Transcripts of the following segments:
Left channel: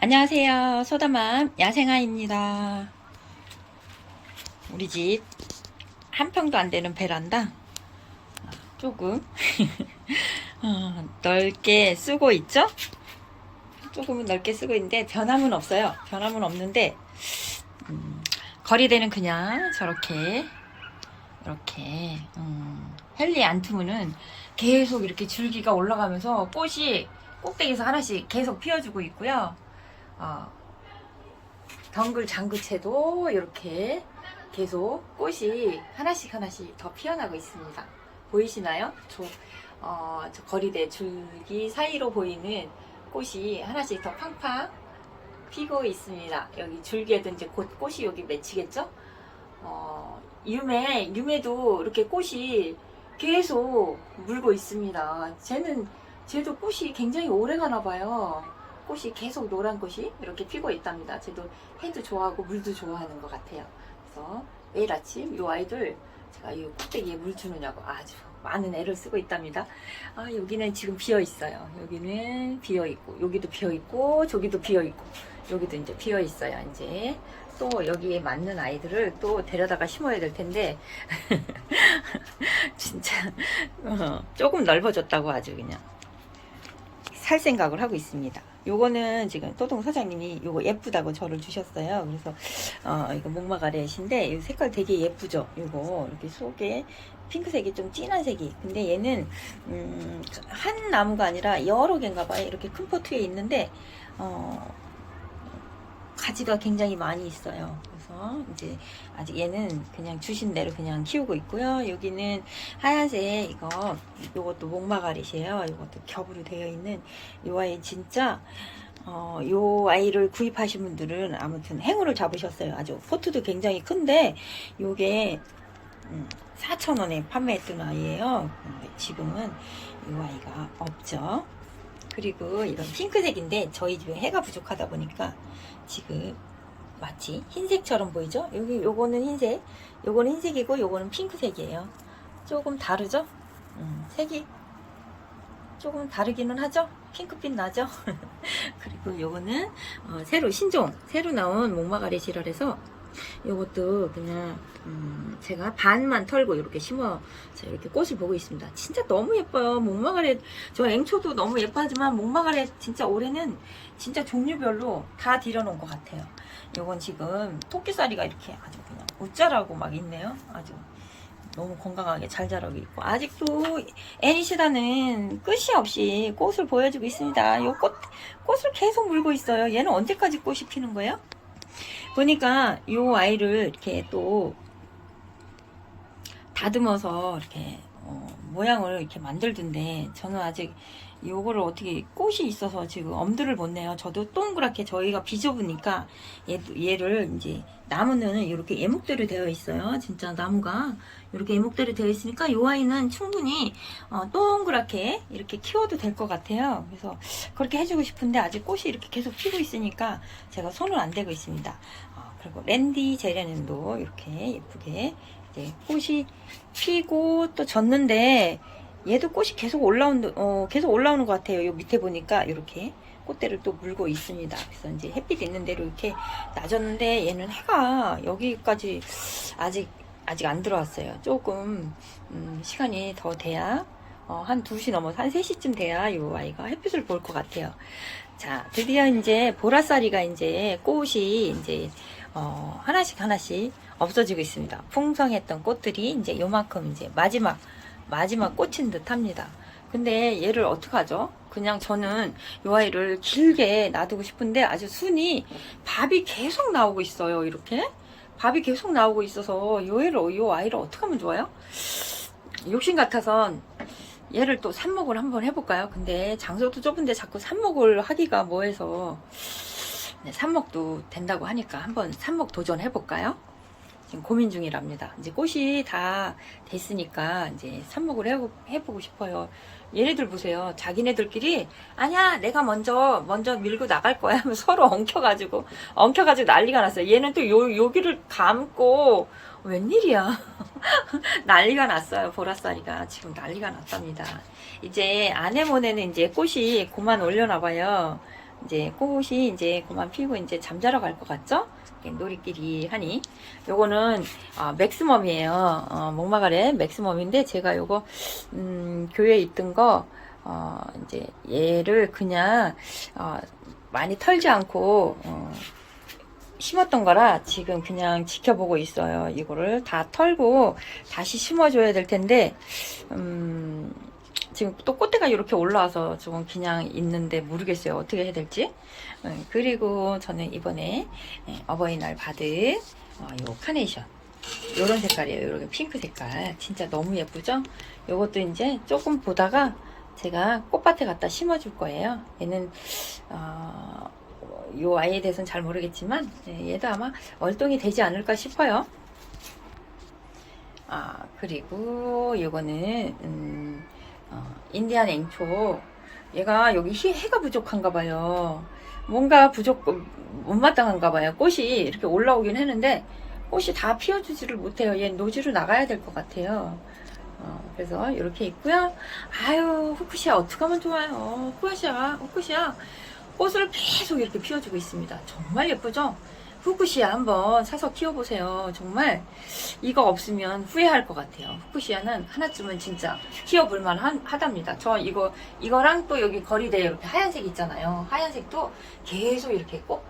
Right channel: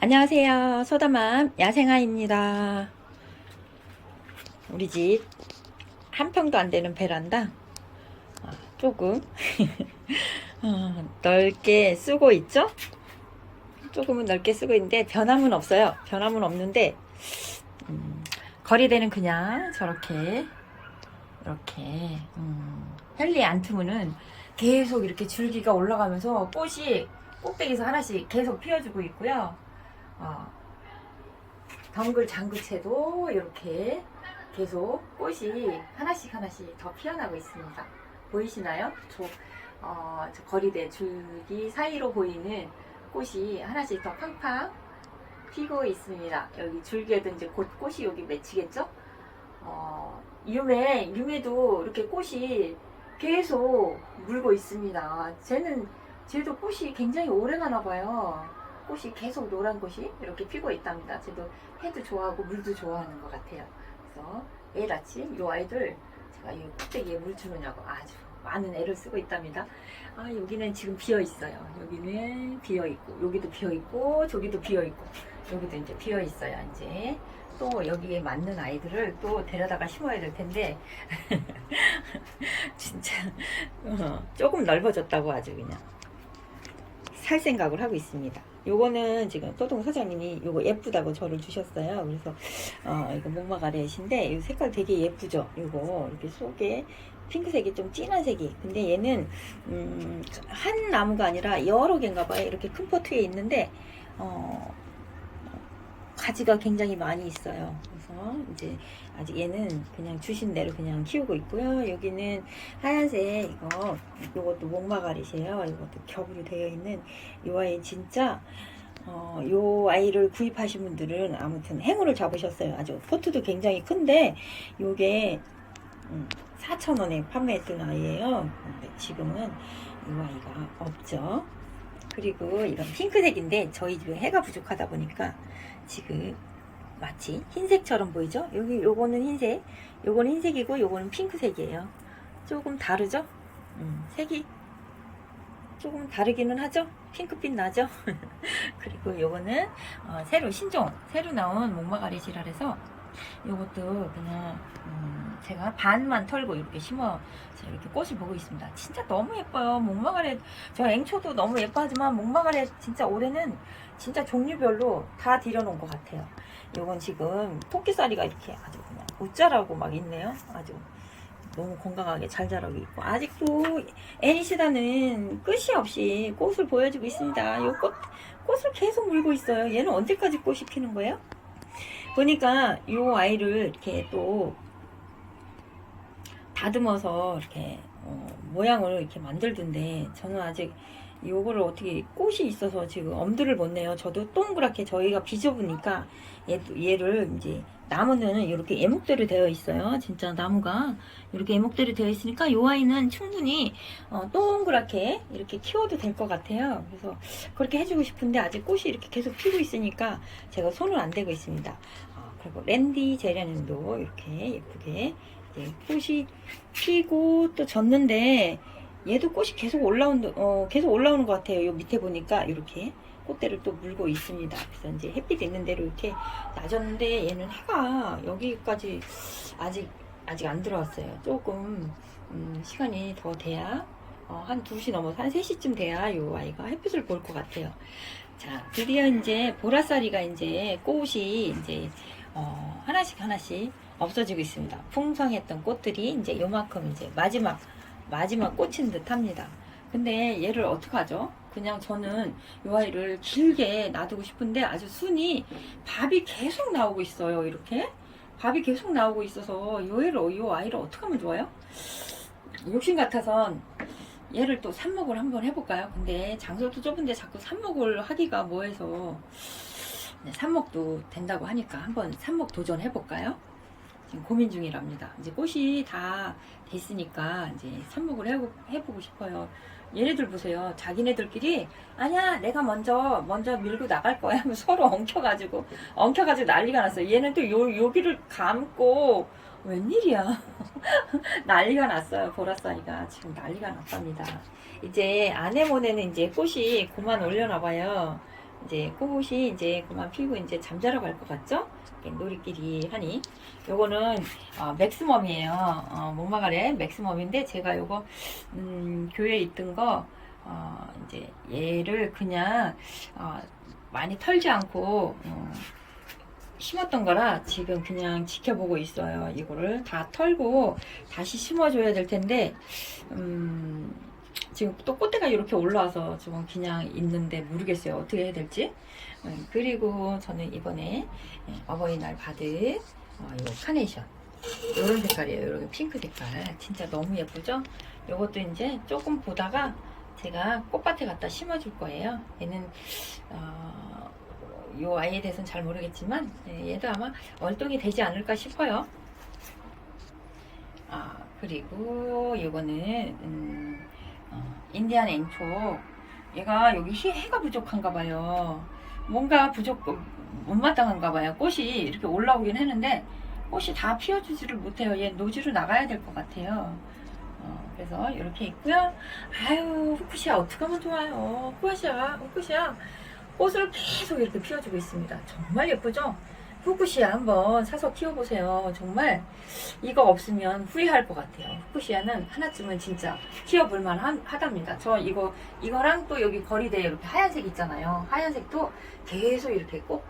안녕하세요. 소다맘 야생아입니다. 우리 집 한 평도 안 되는 베란다 어, 조금 어, 넓게 쓰고 있죠? 조금은 넓게 쓰고 있는데 변함은 없어요. 변함은 없는데 음, 거리대는 그냥 저렇게 이렇게 음, 헬리 안트무는 계속 이렇게 줄기가 올라가면서 꽃이 꼭대기에서 하나씩 계속 피어주고 있고요. 어, 덩글 장구채도 이렇게 계속 꽃이 하나씩 하나씩 더 피어나고 있습니다. 보이시나요? 저, 어, 저 거리대 줄기 사이로 보이는 꽃이 하나씩 더 팡팡 피고 있습니다. 여기 줄기에도 이제 곧 꽃이 여기 맺히겠죠? 어, 유매, 유매도 이렇게 꽃이 계속 물고 있습니다. 쟤는, 쟤도 꽃이 굉장히 오래 가나 봐요. 꽃이 계속 노란 꽃이 이렇게 피고 있답니다. 쟤도 해도 좋아하고 물도 좋아하는 것 같아요. 그래서 매일 아침 이 아이들 제가 이 꼭대기에 물 주느냐고 아주 많은 애를 쓰고 있답니다. 아, 여기는 지금 비어 있어요. 여기는 비어 있고, 여기도 비어 있고, 저기도 비어 있고, 여기도 이제 비어 있어요. 이제 또 여기에 맞는 아이들을 또 데려다가 심어야 될 텐데 진짜 어, 조금 넓어졌다고 아주 그냥 살 생각을 하고 있습니다. 요거는 지금 또동 사장님이 요거 예쁘다고 저를 주셨어요. 그래서 어 이거 목마가렛인데 이 색깔 되게 예쁘죠. 요거 이렇게 속에 핑크색이 좀 진한 색이. 근데 얘는 음, 한 나무가 아니라 여러 개인가 봐요. 이렇게 큰 포트에 있는데 어 가지가 굉장히 많이 있어요. 그래서 이제 아직 얘는 그냥 주신 대로 그냥 키우고 있고요. 여기는 하얀색 이거 이것도 목마가릿이에요. 이것도 겹으로 되어 있는 이 아이 진짜 어, 요 아이를 구입하신 분들은 아무튼 행운을 잡으셨어요. 아주 포트도 굉장히 큰데 요게 음, 4,000원에 판매했던 아이예요. 근데 지금은 이 아이가 없죠. 그리고 이런 핑크색인데 저희 집에 해가 부족하다 보니까 지금 마치 흰색처럼 보이죠? 여기 요거는 흰색, 요거는 흰색이고 요거는 핑크색이에요. 조금 다르죠? 음, 색이 조금 다르기는 하죠? 핑크빛 나죠? 그리고 요거는 어, 새로 신종 새로 나온 목마가렛이라 해서 요것도 그냥 음, 제가 반만 털고 이렇게 심어 서 이렇게 꽃을 보고 있습니다. 진짜 너무 예뻐요. 목마가렛 저 앵초도 너무 예뻐하지만 목마가렛 진짜 올해는 진짜 종류별로 다 들여놓은 것 같아요. 요건 지금 토끼살이가 이렇게 아주 그냥 웃자라고 막 있네요. 아주 너무 건강하게 잘 자라고 있고 아직도 애니시다는 끝이 없이 꽃을 보여주고 있습니다. 요 꽃, 꽃을 계속 물고 있어요. 얘는 언제까지 꽃이 피는 거예요? 보니까 요 아이를 이렇게 또 다듬어서 이렇게 어, 모양을 이렇게 만들던데 저는 아직 요거를 어떻게 꽃이 있어서 지금 엄두를 못 내요. 저도 동그랗게 저희가 비좁으니까 얘, 얘를 이제 나무는 이렇게 예목대로 되어 있어요. 진짜 나무가 이렇게 예목대로 되어 있으니까 요 아이는 충분히 어, 동그랗게 이렇게 키워도 될 것 같아요. 그래서 그렇게 해주고 싶은데 아직 꽃이 이렇게 계속 피고 있으니까 제가 손을 안 대고 있습니다. 어, 그리고 랜디 제라늄도 이렇게 예쁘게 이제 꽃이 피고 또 졌는데 얘도 꽃이 계속 올라온 어 계속 올라오는 것 같아요. 요 밑에 보니까 이렇게 꽃대를 또 물고 있습니다. 그래서 이제 햇빛 있는 대로 이렇게 놔줬는데 얘는 해가 여기까지 아직 아직 안 들어왔어요. 조금 음, 시간이 더 돼야 어, 한 2시 넘어서 한 3시쯤 돼야 요 아이가 햇빛을 볼 것 같아요. 자, 드디어 이제 보라쌀이가 이제 꽃이 이제 어, 하나씩 하나씩 없어지고 있습니다. 풍성했던 꽃들이 이제 요만큼 이제 마지막 마지막 꽃인 듯 합니다. 근데 얘를 어떡하죠? 그냥 저는 이 아이를 길게 놔두고 싶은데 아주 순이 밥이 계속 나오고 있어요. 이렇게 밥이 계속 나오고 있어서 이 애를 이 아이를 어떻게 하면 좋아요? 욕심 같아서 얘를 또 삽목을 한번 해볼까요? 근데 장소도 좁은데 자꾸 삽목을 하기가 뭐해서 네, 삽목도 된다고 하니까 한번 삽목 도전해볼까요? 지금 고민 중이랍니다. 이제 꽃이 다 됐으니까 이제 삽목을 해보, 해보고 싶어요. 얘네들 보세요. 자기네들끼리 아니야 내가 먼저 먼저 밀고 나갈 거야 하면 서로 엉켜가지고 엉켜가지고 난리가 났어요. 얘는 또 요, 여기를 감고 웬일이야 난리가 났어요. 보라쌀이가 지금 난리가 났답니다. 이제 아네모네는 이제 꽃이 그만 올려나 봐요. 이제 꽃이 이제 그만 피고 이제 잠자러 갈 것 같죠? 놀이끼리 하니 요거는 어, 맥스멈이에요. 어, 목마가래 맥스멈인데 제가 요거 음, 교회에 있던 거 어, 이제 얘를 그냥 어, 많이 털지 않고 어, 심었던 거라 지금 그냥 지켜보고 있어요. 이거를 다 털고 다시 심어줘야 될 텐데 음, 지금 또 꽃대가 이렇게 올라와서 지금 그냥 있는데 모르겠어요. 어떻게 해야 될지. 음, 그리고 저는 이번에 예, 어버이날 받은 어, 요 카네이션 요런 색깔이에요. 요렇게 핑크 색깔 진짜 너무 예쁘죠? 요것도 이제 조금 보다가 제가 꽃밭에 갖다 심어줄 거예요. 얘는 어, 요 아이에 대해서는 잘 모르겠지만 예, 얘도 아마 월동이 되지 않을까 싶어요. 아 그리고 요거는 음, 어, 인디안 앵초 얘가 여기 해- 해가 부족한가 봐요. 뭔가 부족 못마땅한가 봐요. 꽃이 이렇게 올라오긴 했는데 꽃이 다 피워주지를 못해요. 얘 노지로 나가야 될 것 같아요. 어, 그래서 이렇게 있고요. 아유 후쿠시아 어떻게 하면 좋아요. 후쿠시아 후쿠시아 꽃을 계속 이렇게 피워주고 있습니다. 정말 예쁘죠? 후쿠시아 한번 사서 키워보세요. 정말 이거 없으면 후회할 것 같아요. 후쿠시아는 하나쯤은 진짜 키워볼만 한- 하답니다. 저 이거 이거랑 또 여기 거리대에 이렇게 하얀색 있잖아요. 하얀색도 계속 이렇게 꽃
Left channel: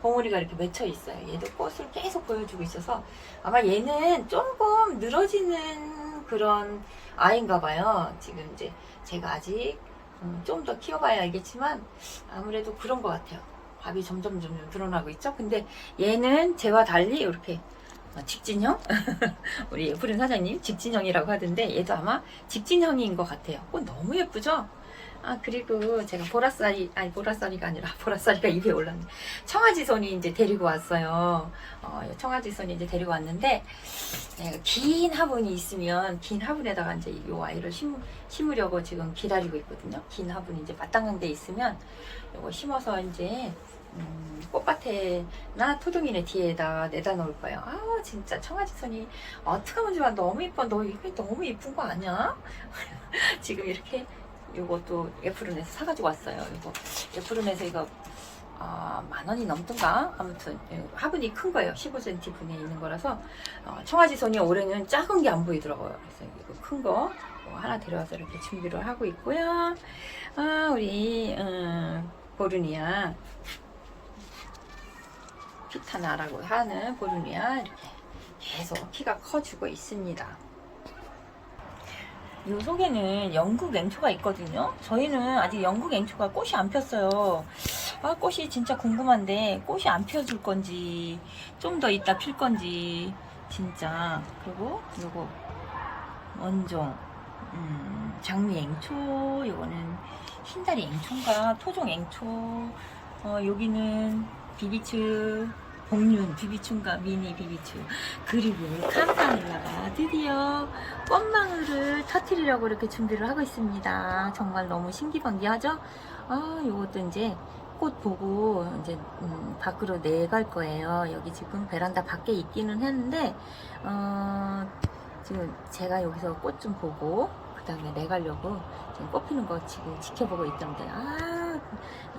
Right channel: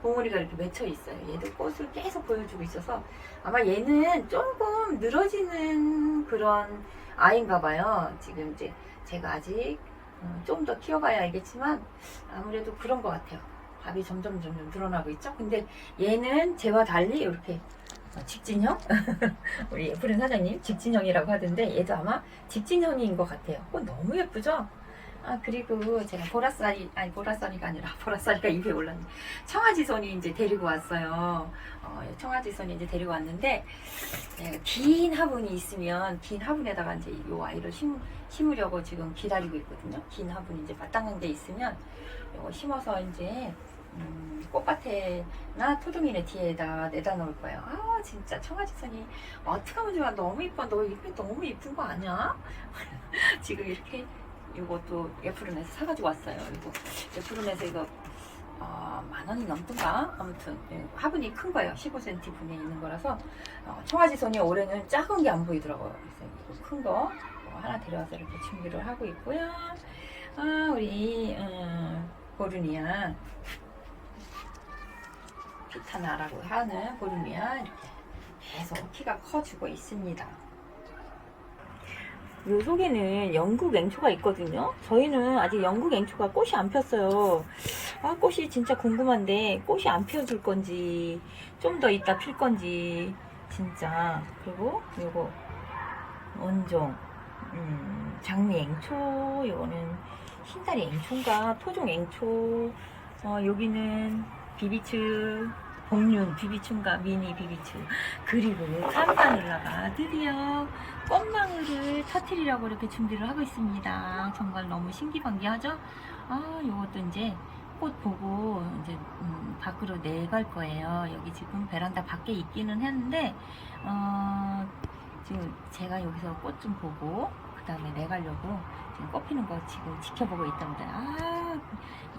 봉우리가 이렇게 맺혀 있어요. 얘도 꽃을 계속 보여주고 있어서 아마 얘는 조금 늘어지는 그런 아이인가 봐요. 지금 이제 제가 아직 어, 좀더 키워봐야 알겠지만 아무래도 그런 것 같아요. 밥이 점점 점점 늘어나고 있죠. 근데 얘는 제와 달리 이렇게 어, 직진형? 우리 예쁘른 사장님 직진형이라고 하던데 얘도 아마 직진형인 것 같아요. 꽃 너무 예쁘죠? 아 그리고 제가 보라쌀이 아니 보라쌀이가 아니라 보라쌀이가 입에 올랐네. 청아지손이 이제 데리고 왔어요. 어, 청아지손이 이제 데리고 왔는데 네, 긴 화분이 있으면 긴 화분에다가 이제 이 아이를 심, 심으려고 지금 기다리고 있거든요. 긴 화분이 이제 마땅한 데 있으면 이거 심어서 이제 음, 꽃밭에나 토종이네 뒤에다 내다 놓을 거예요. 아 진짜 청아지선이 어떻게 하면 좋아 너무 이뻐 너 이거 너무 이쁜 거 아니야? 지금 이렇게 요것도 애플은에서 사가지고 왔어요. 이거 애플은에서 이거 어, 만 원이 넘던가 아무튼 예, 화분이 큰 거예요. 15cm 분에 있는 거라서 어, 청아지선이 올해는 작은 게 안 보이더라고요. 그래서 이거 큰 거 하나 데려와서 이렇게 준비를 하고 있고요. 아 우리 음, 보르니아 피타나라고 하는 이렇게 계속 키가 커지고 있습니다. 요 속에는 영국 앵초가 있거든요. 저희는 아직 영국 앵초가 꽃이 안 폈어요. 아, 꽃이 진짜 궁금한데 꽃이 안 펴줄 건지 좀더 있다 필 건지 진짜 그리고 요거 원종 음, 장미 앵초 요거는 흰다리 앵초인가 토종 앵초 어, 여기는 비비츠 복륜 비비추인가 미니 비비추. 그리고 캄파눌라가 드디어 꽃망울을 터트리려고 이렇게 준비를 하고 있습니다. 정말 너무 신기반기하죠? 아 요것도 이제 꽃 보고 이제 음, 밖으로 내갈 거예요. 여기 지금 베란다 밖에 있기는 했는데 어, 지금 제가 여기서 꽃 좀 보고 그 다음에 내가려고 꽃 피는 거 지금 지켜보고 있던데 아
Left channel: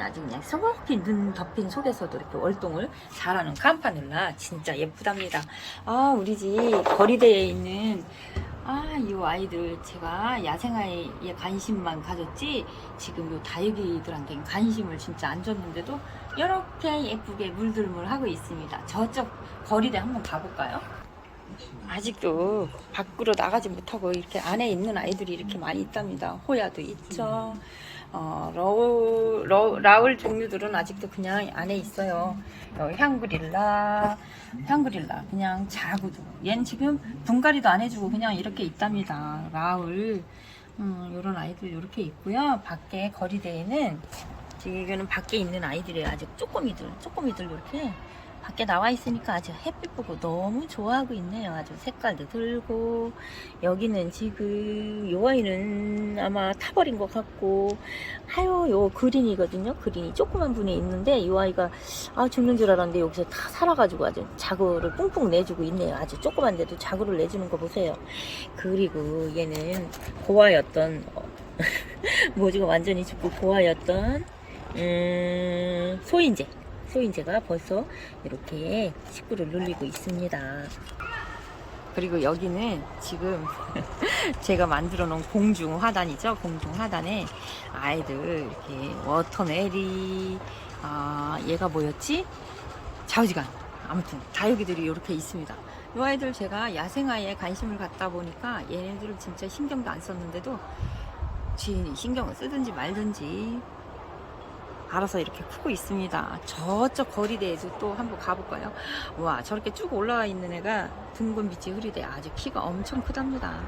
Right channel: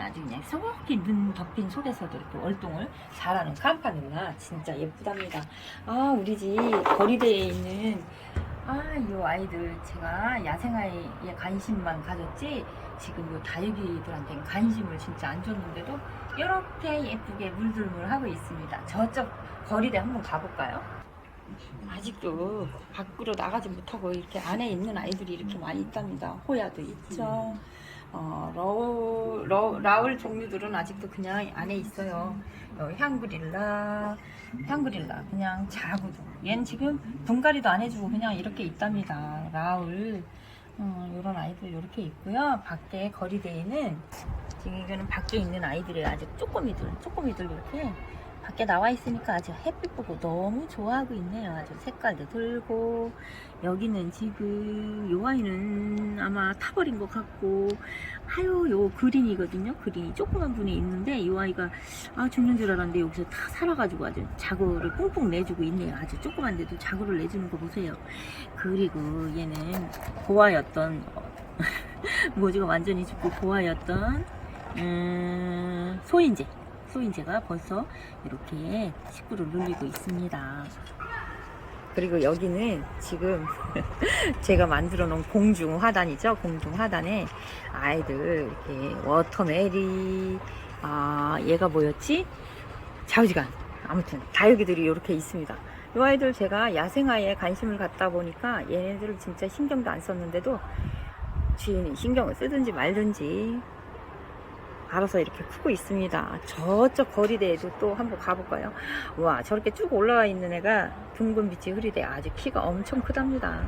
아주 그냥 소복히 눈 덮인 속에서도 이렇게 월동을 잘하는 캄파눌라 진짜 예쁘답니다 아 우리 집 거리대에 있는 아이 아이들 제가 야생아이에 관심만 가졌지 지금 요 다육이들한테는 관심을 진짜 안 줬는데도 이렇게 예쁘게 물들물 하고 있습니다 저쪽 거리대 한번 가볼까요? 아직도 밖으로 나가지 못하고 이렇게 안에 있는 아이들이 이렇게 많이 있답니다. 호야도 있죠. 어, 러우, 러, 라울 종류들은 아직도 그냥 안에 있어요. 어, 향그릴라, 향그릴라, 그냥 자구도. 얘는 지금 분갈이도 안 해주고 그냥 이렇게 있답니다. 라울, 음, 이런 아이들 이렇게 있고요. 밖에 거리대에는 지금 이거는 밖에 있는 아이들이 아직 쪼꼬미들, 쪼꼬미들 이렇게 밖에 나와 있으니까 아주 햇빛 보고 너무 좋아하고 있네요. 아주 색깔도 들고 여기는 지금 요 아이는 아마 타버린 것 같고 하요 요 그린이거든요. 그린이 조그만 분에 있는데 요 아이가 아 죽는 줄 알았는데 여기서 다 살아가지고 아주 자구를 뿡뿡 내주고 있네요. 아주 조그만데도 자구를 내주는 거 보세요. 그리고 얘는 고아였던 어, 모지가 완전히 죽고 고아였던 음, 소인 재. 소인재가 벌써 이렇게 식구를 눌리고 있습니다. 그리고 여기는 지금 제가 만들어 놓은 공중 화단이죠. 공중 화단에 아이들 이렇게 워터메리, 아, 얘가 뭐였지? 자우지간. 아무튼 다육이들이 이렇게 있습니다. 이 아이들 제가 야생화에 관심을 갖다 보니까 얘네들을 진짜 신경도 안 썼는데도 주인이 신경을 쓰든지 말든지 알아서 이렇게 크고 있습니다. 저쪽 거리대에도 또 한번 가볼까요? 와 저렇게 쭉 올라와 있는 애가 둥근 빛이 흐리대 아주 키가 엄청 크답니다.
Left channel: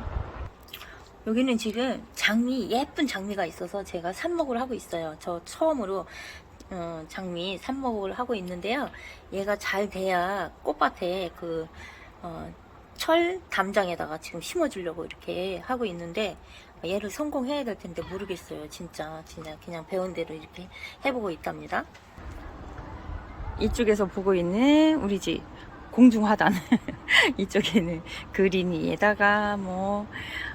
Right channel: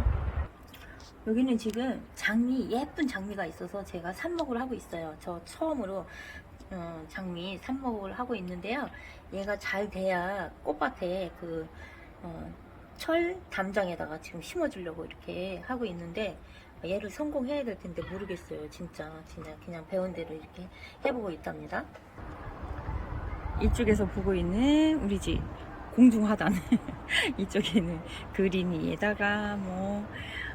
여기는 지금 장미 예쁜 장미가 있어서 제가 삽목을 하고 있어요. 저 처음으로 어, 장미 삽목을 하고 있는데요. 얘가 잘 돼야 꽃밭에 그 어, 철 담장에다가 지금 심어주려고 이렇게 하고 있는데 얘를 성공해야 될 텐데 모르겠어요. 진짜 진짜 그냥 배운 대로 이렇게 해보고 있답니다. 이쪽에서 보고 있는 우리 집 공중화단 이쪽에는 그린이에다가 뭐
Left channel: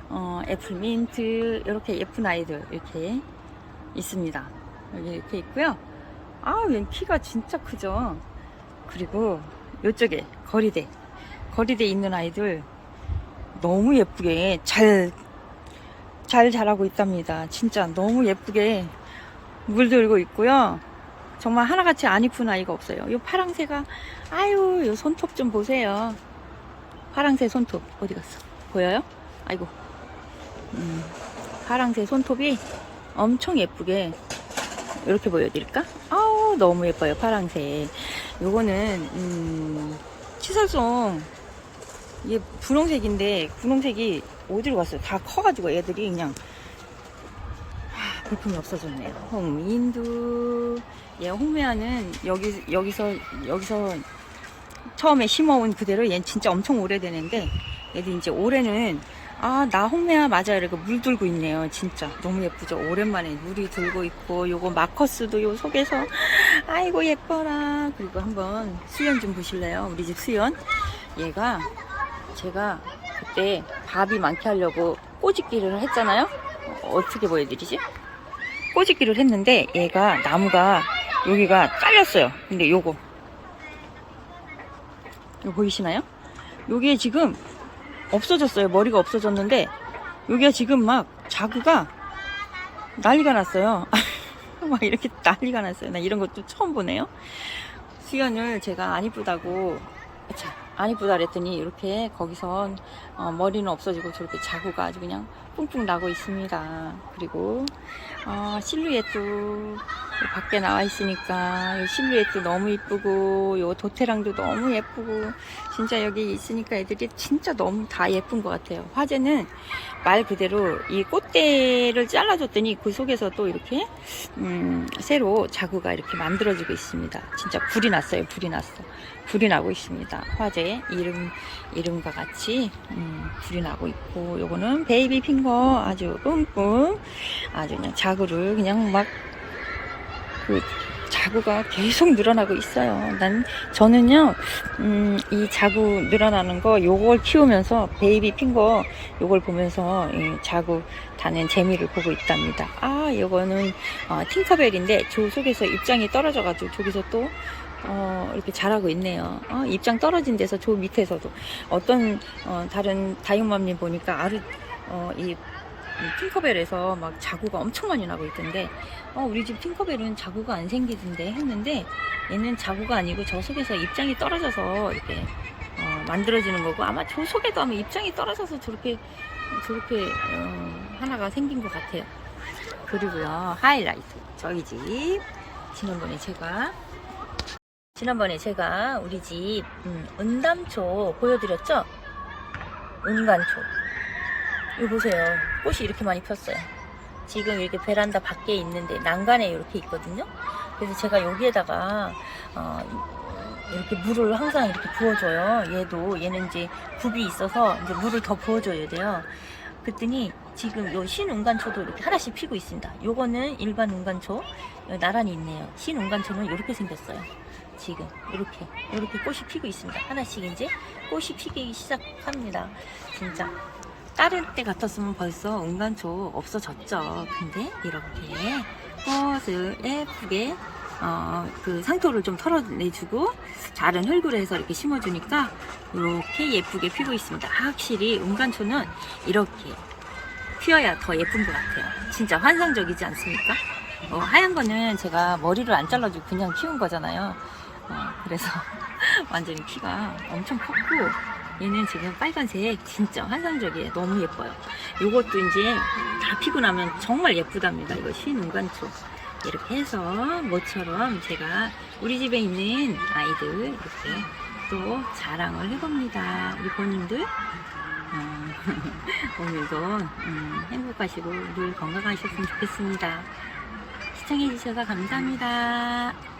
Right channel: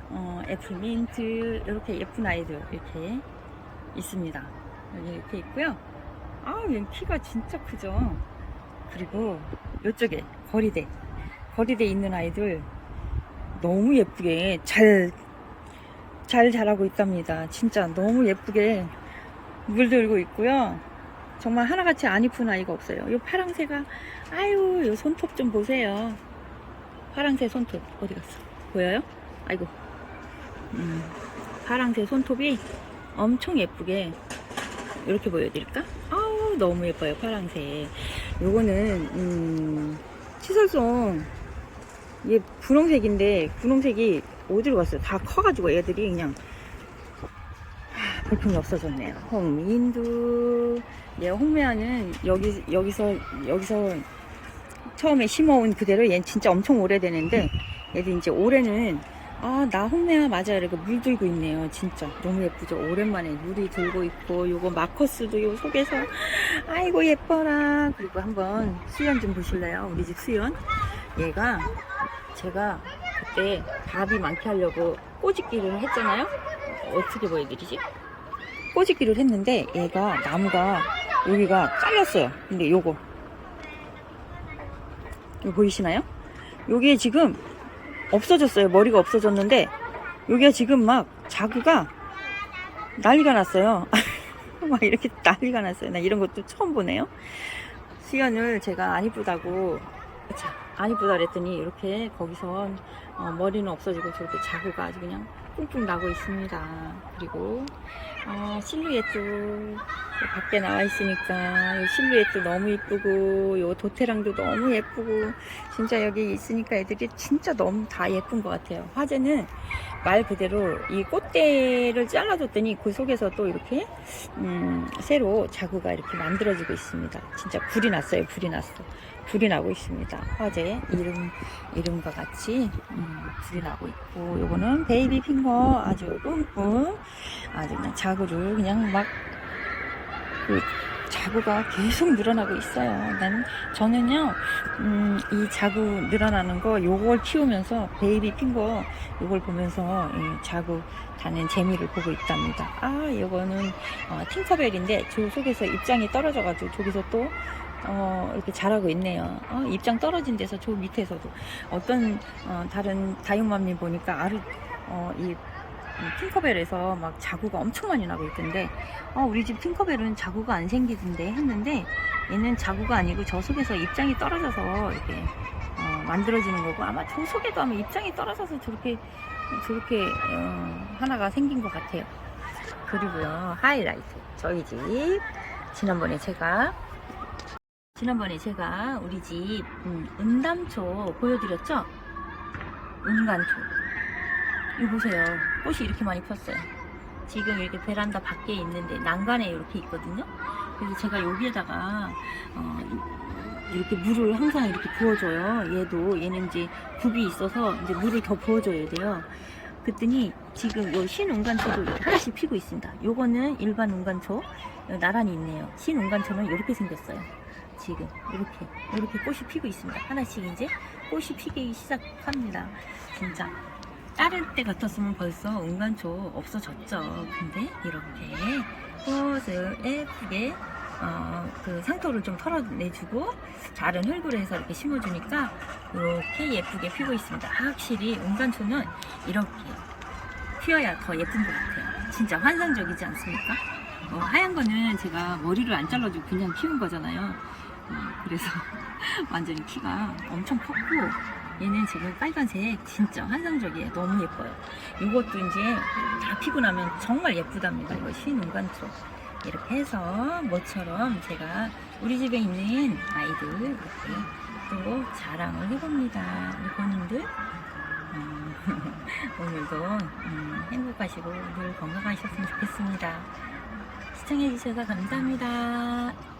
어, 애플민트 이렇게 예쁜 아이들 이렇게 있습니다. 여기 이렇게 있고요. 아, 얘 키가 진짜 크죠. 그리고 이쪽에 거리대 거리대 있는 아이들 너무 예쁘게 잘 잘 자라고 있답니다. 진짜 너무 예쁘게 물들고 있고요. 정말 하나같이 안 이쁜 아이가 없어요. 이 파랑새가 아유, 요 손톱 좀 보세요. 파랑새 손톱 어디 갔어? 보여요? 아이고. 음, 파랑새 손톱이 엄청 예쁘게 이렇게 보여드릴까? 아우 너무 예뻐요 파랑새. 요거는 음, 치설송 이게 분홍색인데 분홍색이 어디로 갔어요? 다 커가지고 애들이 그냥 하, 볼품이 없어졌네요. 홍민두. 얘 홍매화는 여기 여기서 여기서 처음에 심어온 그대로 얘는 진짜 엄청 오래되는데 얘들 이제 올해는 아 나 홍매화 맞아 이렇게 물 들고 있네요. 진짜. 너무 예쁘죠? 오랜만에 물이 들고 있고 요거 마커스도 요 속에서 아이고 예뻐라. 그리고 한번 수연 좀 보실래요? 우리 집 수연? 얘가 제가 그때 밥이 많게 하려고 꼬집기를 했잖아요 어, 어떻게 보여드리지 꼬집기를 했는데 얘가 나무가 여기가 잘렸어요 근데 요거 이거 보이시나요? 여기에 지금 없어졌어요. 머리가 없어졌는데 여기가 지금 막 자구가 난리가 났어요. 막 이렇게 난리가 났어요. 나 이런 것도 처음 보네요. 수연을 제가 안 이쁘다고 자, 안 이쁘다 그랬더니 이렇게 거기선 어, 머리는 없어지고 저렇게 자구가 아주 그냥 뿡뿡 나고 있습니다. 그리고 어, 실루엣도 밖에 나와 있으니까 이 실루엣도 너무 이쁘고 요 도태랑도 너무 예쁘고 진짜 여기 있으니까 애들이 진짜 너무 다 예쁜 것 같아요. 화제는 말 그대로 이 꽃대를 잘라줬더니 그 속에서 또 이렇게 음, 새로 자구가 이렇게 만들어지고 있습니다. 진짜 불이 났어요. 불이 났어. 불이 나고 있습니다. 화재 이름 이름과 같이 음, 불이 나고 있고 요거는 베이비 핑거 아주 뿜뿜 아주 그냥 자구를 그냥 막 그 자구가 계속 늘어나고 있어요. 난 저는요 음, 이 자구 늘어나는 거 요걸 키우면서 베이비 핑거 요걸 보면서 이 자구 다는 재미를 보고 있답니다. 아 요거는 어, 팅커벨인데 저 속에서 입장이 떨어져가지고 저기서 또 어, 이렇게 자라고 있네요. 어, 입장 떨어진 데서 저 밑에서도 어떤 어, 다른 다육맘님 보니까 아르 어, 이 핑커벨에서 막 자구가 엄청 많이 나고 있던데 어, 우리 집 핑커벨은 자구가 안 생기던데 했는데 얘는 자구가 아니고 저 속에서 입장이 떨어져서 이렇게 어, 만들어지는 거고 아마 저 속에도 아마 입장이 떨어져서 저렇게 저렇게 어, 하나가 생긴 것 같아요. 그리고요 하이라이트 저희 집 지난번에 제가 지난번에 제가 우리 집 음, 은담초 보여드렸죠? 은감초 이거 보세요. 꽃이 이렇게 많이 폈어요. 지금 이렇게 베란다 밖에 있는데 난간에 이렇게 있거든요. 그래서 제가 여기에다가 어, 이렇게 물을 항상 이렇게 부어줘요. 얘도 얘는 이제 굽이 있어서 이제 물을 더 부어줘야 돼요. 그랬더니 지금 요 신운간초도 이렇게 하나씩 피고 있습니다. 요거는 일반 운간초 나란히 있네요. 신운간초는 이렇게 생겼어요. 지금 이렇게 이렇게 꽃이 피고 있습니다. 하나씩 이제 꽃이 피기 시작합니다. 진짜 다른 때 같았으면 벌써 은간초 없어졌죠. 근데 이렇게 꽃을 예쁘게 어, 그 상토를 좀 털어내주고 자른 흙으로 해서 이렇게 심어주니까 이렇게 예쁘게 피고 있습니다. 확실히 은간초는 이렇게 피어야 더 예쁜 것 같아요. 진짜 환상적이지 않습니까? 어, 하얀 거는 제가 머리를 안 잘라주고 그냥 키운 거잖아요. 어, 그래서 완전히 키가 엄청 컸고 얘는 지금 빨간색 진짜 환상적이에요. 너무 예뻐요. 요것도 이제 다 피고 나면 정말 예쁘답니다. 이거 신운간초. 이렇게 해서 모처럼 제가 우리 집에 있는 아이들 이렇게 또 자랑을 해봅니다. 우리 본인들 어, 오늘도 음, 행복하시고 늘 건강하셨으면 좋겠습니다. 시청해주셔서 감사합니다.